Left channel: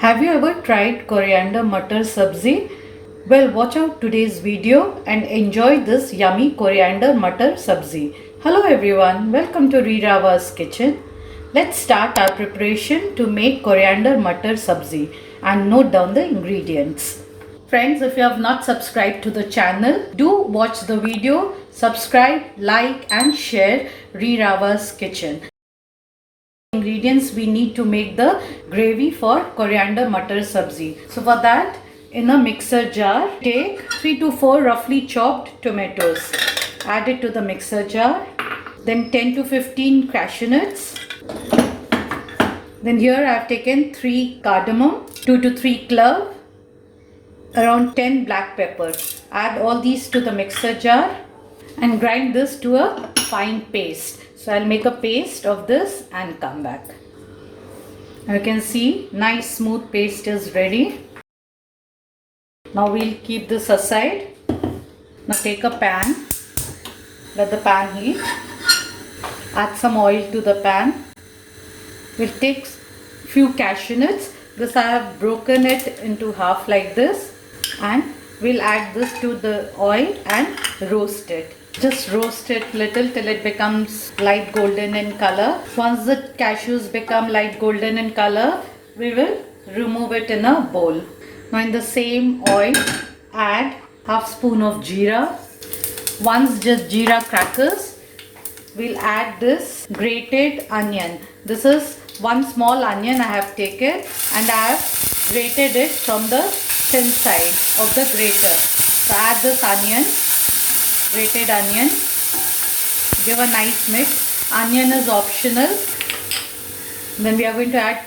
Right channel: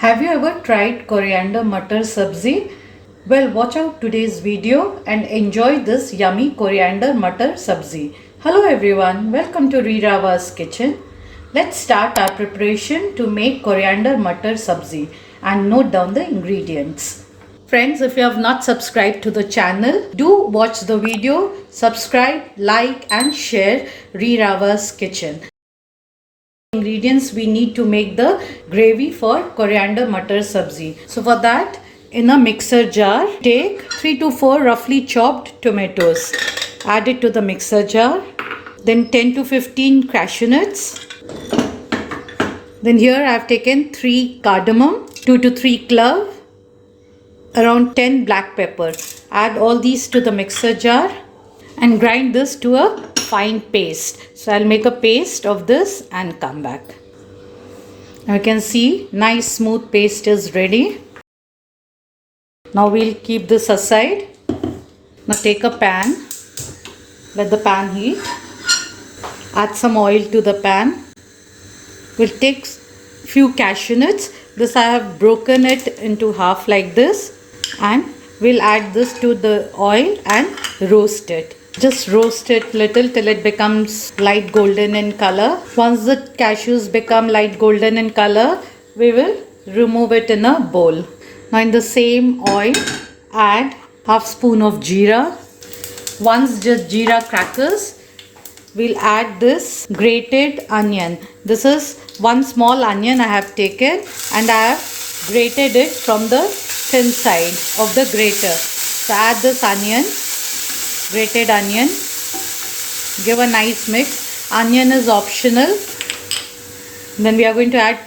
Have you ever tried Coriander Matar Subzi? Well, watch out today's video and enjoy this yummy Coriander Matar Subzi. Hello everyone, welcome to Rirava's kitchen. Let's start our preparation to make Coriander Matar Subzi and note down the ingredients. Friends, if you have not subscribed to the channel, do watch the video, subscribe, like and share Rirava's kitchen. Ingredients we need to make the gravy for Coriander Matar Subzi. So for that, in a mixer jar, take 3 to 4 roughly chopped tomatoes. Add it to the mixer jar. Then 10 to 15 cashew nuts. Then here I have taken 3 cardamom, 2 to 3 clove, around 10 black pepper. Add all these to the mixer jar and grind this to a fine paste. So I'll make a paste of this and come back. You can see nice smooth paste is ready. Now we'll keep this aside. Now take a pan. Let the pan heat. Add some oil to the pan. We'll take few cashew nuts. This I have broken it into half like this, and we'll add this to the oil and roast it. Just roast it little till it becomes light golden in color. Once the cashews become light golden in color, we will remove it in a bowl. Now in the same oil, add half spoon of jeera. Once just jeera crackers, we'll add this grated onion. This is one small onion I have taken and I have grated it from the thin side of the grater. So add this onion, grated onion, give a nice mix. Onion is optional. Then we are going to add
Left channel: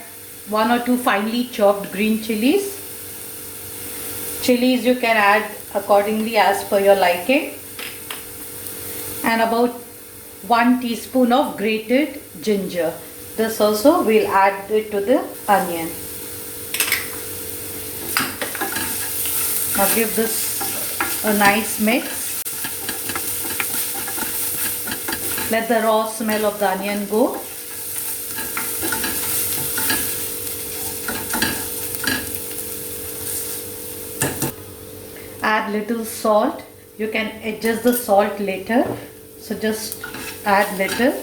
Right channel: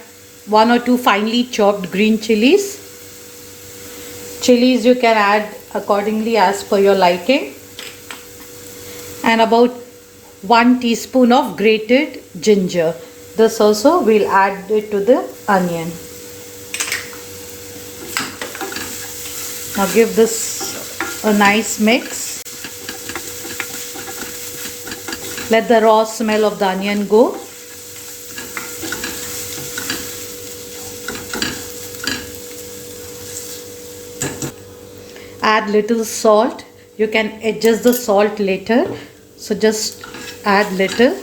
1 or 2 finely chopped green chilies. Chilies you can add accordingly as per your liking. And about 1 teaspoon of grated ginger. This also we'll add it to the onion. Now give this a nice mix. Let the raw smell of the onion go. Add little salt. You can adjust the salt later. So just add little.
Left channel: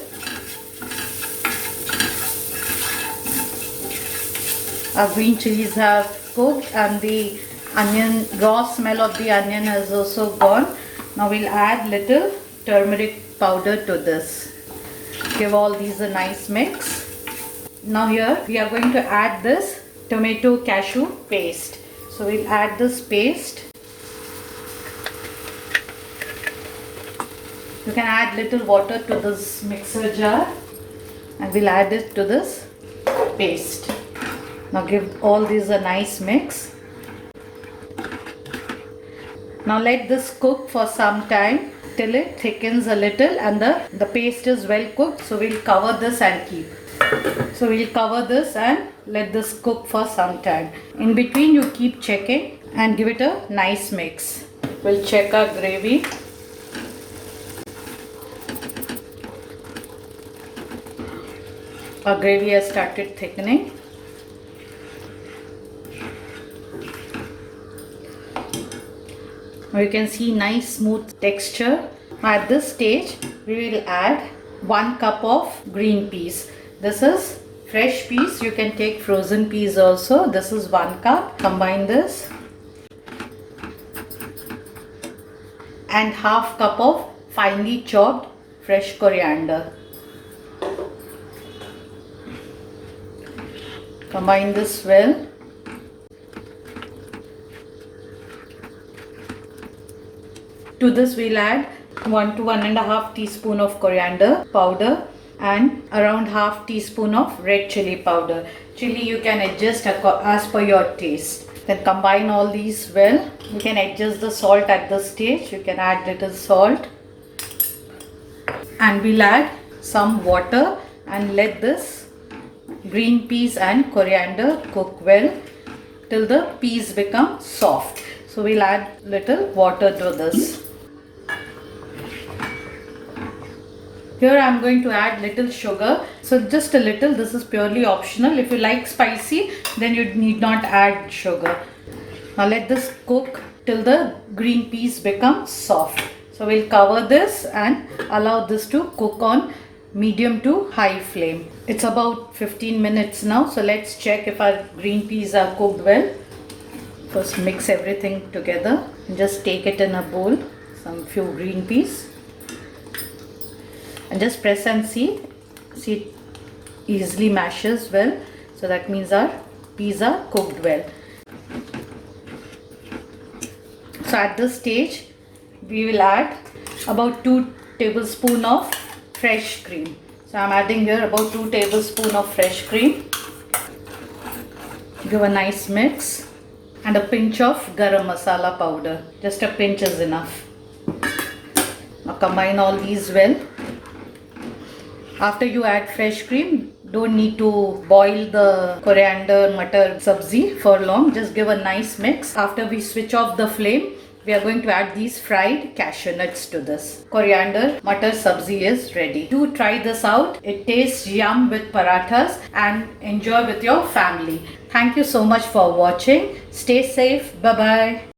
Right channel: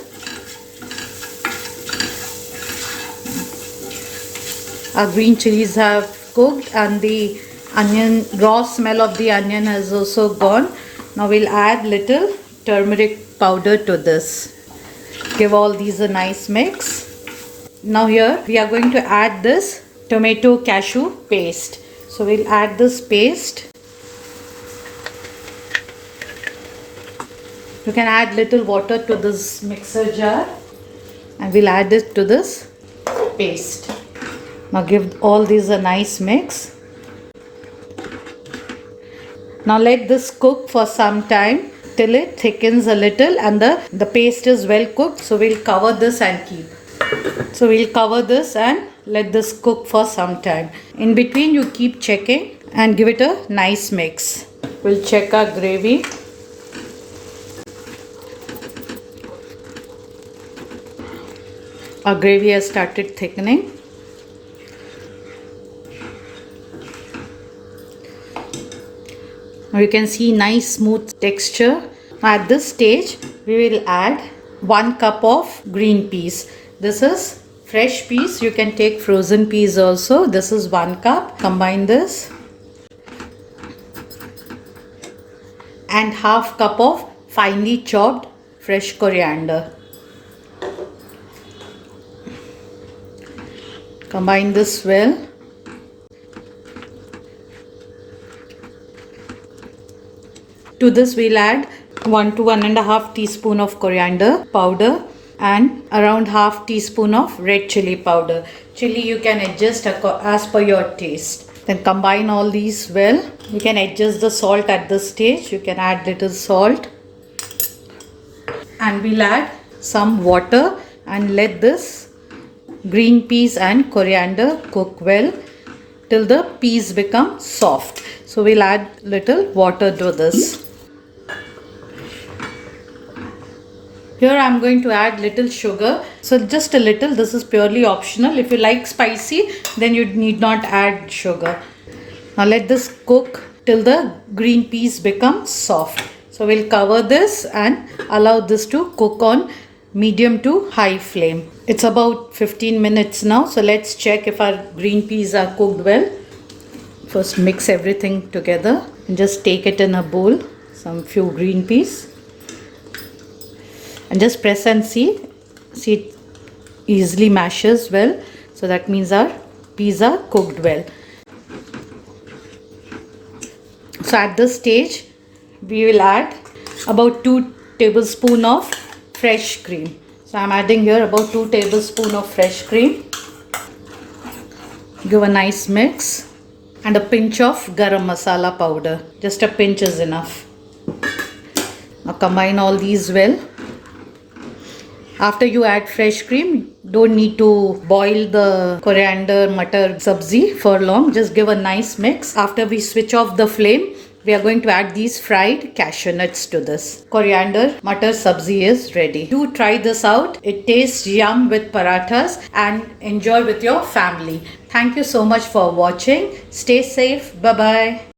Our green chilies have cooked and the onion, raw smell of the onion has also gone. Now we'll add little turmeric powder to this. Give all these a nice mix. Now here we are going to add this tomato cashew paste. So we'll add this paste. You can add little water to this mixer jar and we'll add it to this paste. Now give all these a nice mix. Now let this cook for some time till it thickens a little and the paste is well cooked. So we'll cover this and keep. So we'll cover this and let this cook for some time. In between you keep checking and give it a nice mix. We'll check our gravy. Our gravy has started thickening. Now you can see nice smooth texture. At this stage we will add 1 cup of green peas. This is fresh peas. You can take frozen peas also. This is 1 cup. Combine this. And half cup of finely chopped fresh coriander. Combine this well. To this we'll add 1 to 1.5 teaspoon of coriander powder and around half teaspoon of red chili powder. Chili you can adjust as per your taste. Then combine all these well. You can adjust the salt at this stage. You can add little salt. And we'll add some water and let this green peas and coriander cook well till the peas become soft. So we'll add little water to this. Here I am going to add little sugar. So just a little. This is purely optional. If you like spicy, then you need not add sugar. Now let this cook till the green peas become soft. So we'll cover this and allow this to cook on medium to high flame. It's about 15 minutes now. So let's check if our green peas are cooked well. First mix everything together and just take it in a bowl. Some few green peas. And just press and see. See, it easily mashes well. So that means our peas are cooked well. So at this stage, we will add about 2 tablespoons of fresh cream. So I am adding here about 2 tablespoons of fresh cream. Give a nice mix. And a pinch of Garam Masala powder. Just a pinch is enough. Now combine all these well. After you add fresh cream, don't need to boil the Coriander Matar Subzi for long. Just give a nice mix. After we switch off the flame, we are going to add these fried cashew nuts to this. Coriander Matar Subzi is ready. Do try this out. It tastes yum with parathas and enjoy with your family. Thank you so much for watching. Stay safe. Bye-bye.